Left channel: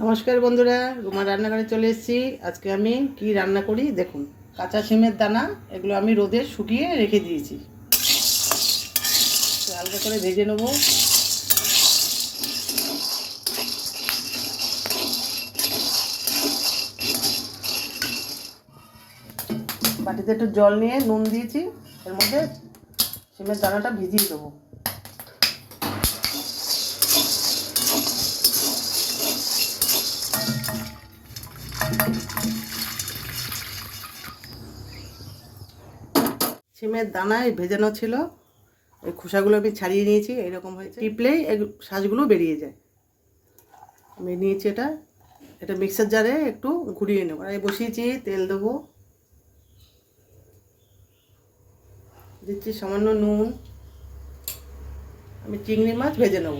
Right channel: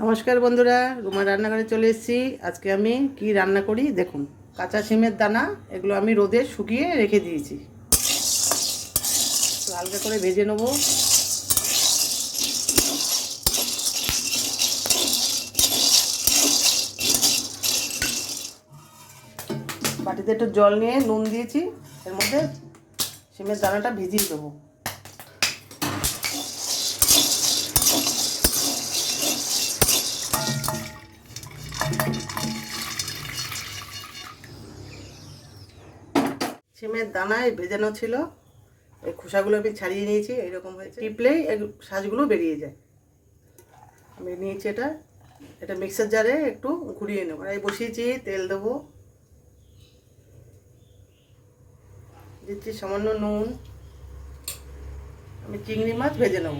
নমস্কার বন্ধুরা রুমা রান্নাঘরে চলে এসেছি। আজকে আমি কি রান্না করি? দেখুন, কাঁচা সিমের দানা, এগুলো আমি রোদে শুকিয়ে রেখে দিয়েছি। হালকা করে ভেজে নেব। বাটিতে একটু জল নিয়ে নুন দিয়েছি, এর মধ্যে সিমের দানাটা ভিজিয়ে দেবো। সিমের দানায় ভেজানো ছিল। এই খোসাগুলো আমি ছাড়িয়ে নিয়েছি, এরকম হয়েছে। টিপলেই এই সাজগুলো বেরিয়ে যায়। আমি নিয়েছি এটা। এটা মিক্সার জারে একটু ঘুরিয়ে নেব। আমি বসিয়েছি, তেল দেবো। দিচ্ছি সামান্য নুন। আমি চিংড়ি মাছ ভেজে নেব।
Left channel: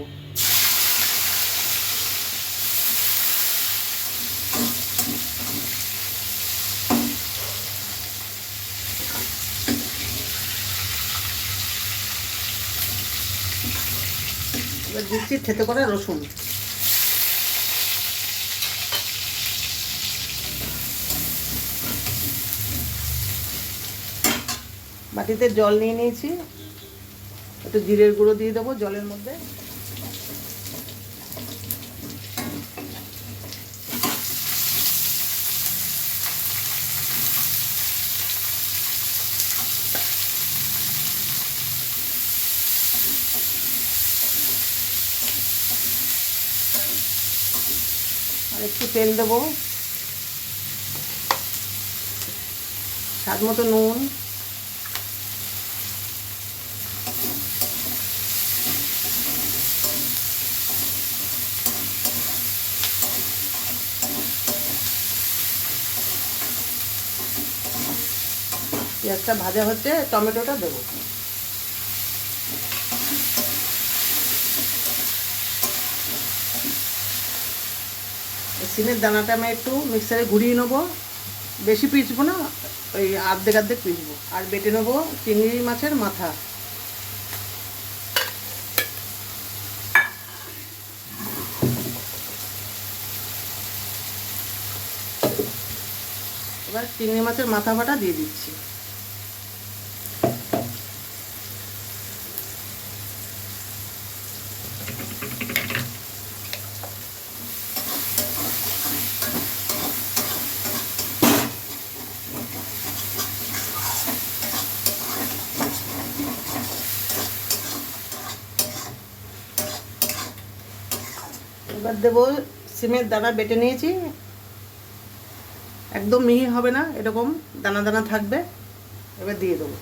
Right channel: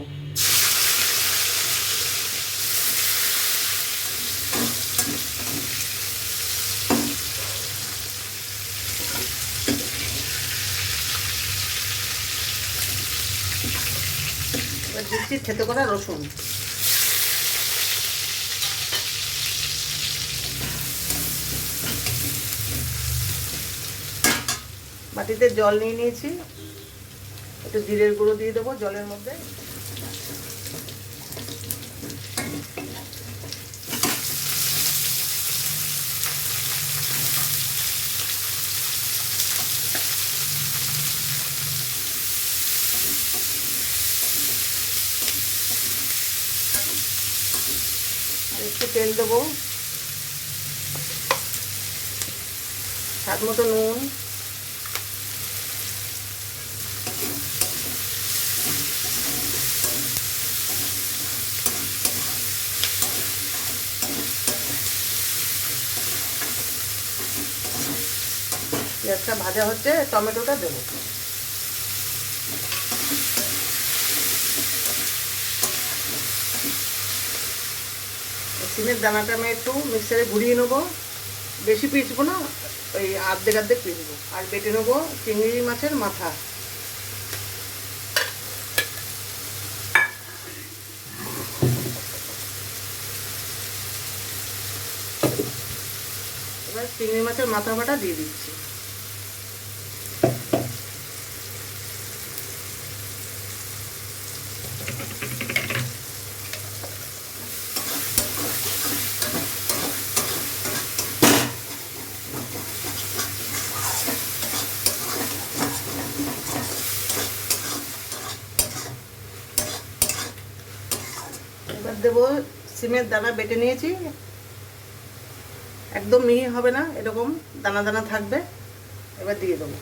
দিচ্ছি খেতে করা রসুন। বাটিতে জল নিয়ে নিয়েছি। একটু জিরের গুঁড়ো দিয়ে দেবো জলের মধ্যে। একটু তেল দেবো। স্বাদ মতো নুন। পেঁয়াজটা ভাজা হচ্ছে টমেটোটা দেবো। সিমের দানাটা আমি একটু মিক্সারে ঘুরিয়ে নেব। বেশি পিসবো না, ওই আর্ধেক আর্ধেক পিসবো আর বেটে নেব চিংড়ি মাছের মাথা। এবার চিংড়ি মাছের মাথা ফাটা দিয়ে দিচ্ছি এবার দেবো, সিমের দানা বেটে নিয়েছি। একদম মিহি হবে না, এরকম দানা দানা থাকবে। এবার দিয়ে দেবো।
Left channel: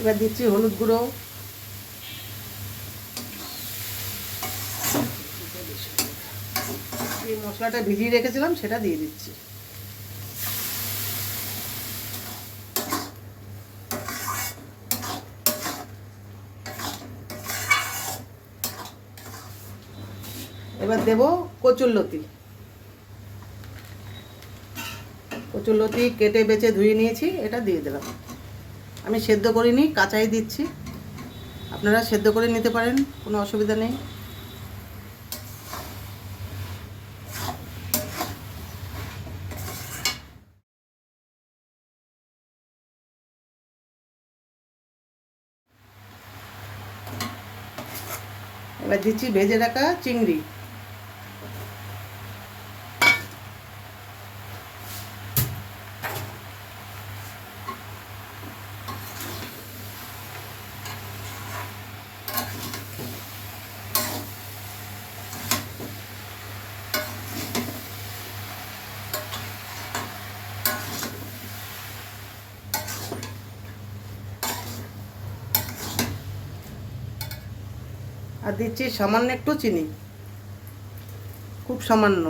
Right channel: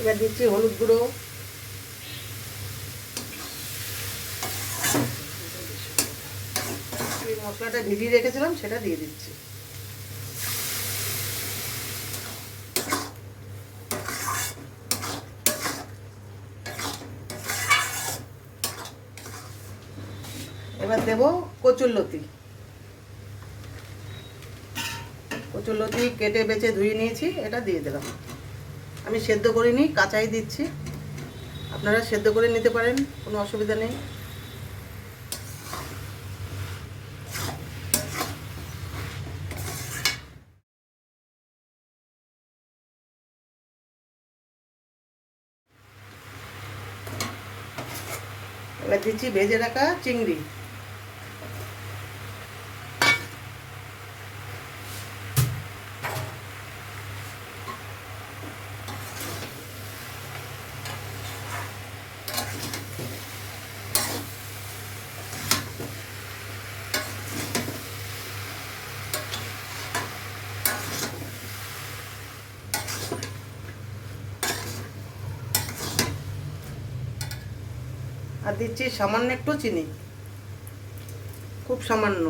এবার দিচ্ছি হলুদ গুঁড়ো। মশলাটা ভিজিয়ে রেখেছিলাম, সেটা দিয়ে দিচ্ছি। এবার দেব কচুরলতি কচুরলতি কেটে বেছে ধুয়ে নিয়েছি, এটা দিয়ে দিলাম। আমি সেদ্ধ করিনি, কাঁচাই দিচ্ছি। আপনারা সেদ্ধ করে নিতে পারেন, কোনো অসুবিধা নেই। এবার দিচ্ছি ভেজে রাখা চিংড়ি। আর দিচ্ছি সামান্য একটু চিনি। খুব সামান্য।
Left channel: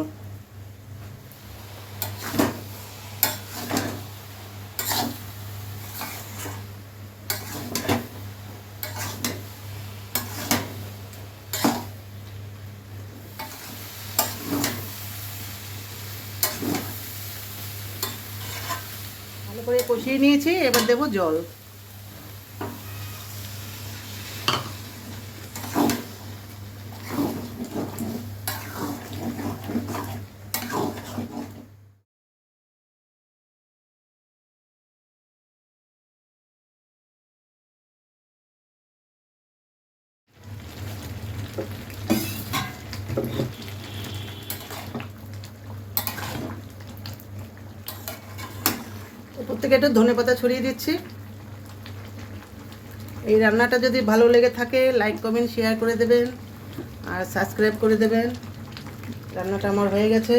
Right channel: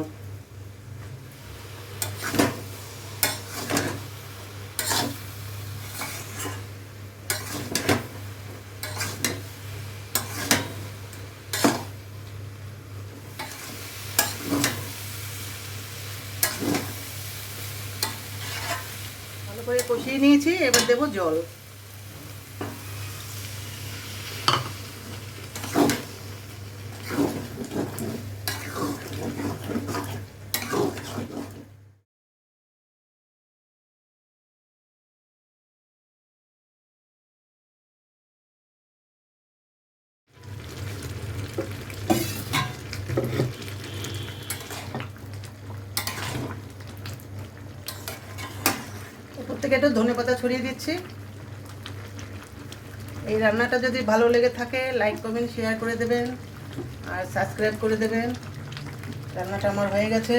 ভালো করে কষিয়ে নিয়েছি এবার দেবো জল। থেকে একটু ধনে পাতা ছড়িয়ে দিচ্ছি। এই রান্নাটা যদি ভালো লেগে থাকে লাইক কমেন্ট শেয়ার করে দেবেন আর সাবস্ক্রাইব করে দেবেন। রান্নাটা আমার হয়ে গেছে।